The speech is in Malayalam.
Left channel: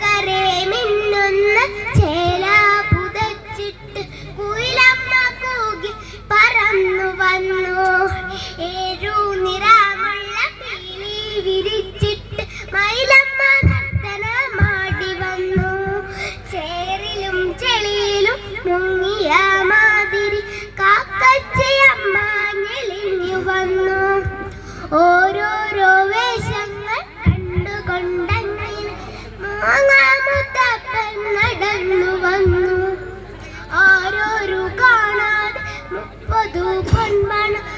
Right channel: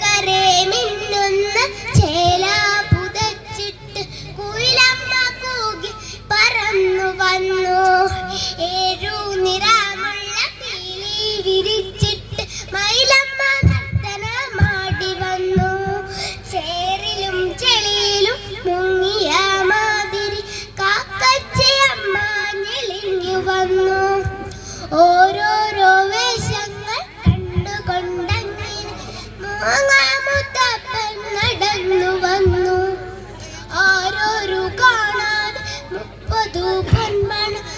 കരേ മിന്നുന്ന ചേല പുതച്ചിട്ട് കുയിലമ്മ കൂകി പറന്നു വന്നു. ഏഴു നിറമുള്ള പീലി புது பொன்மனம்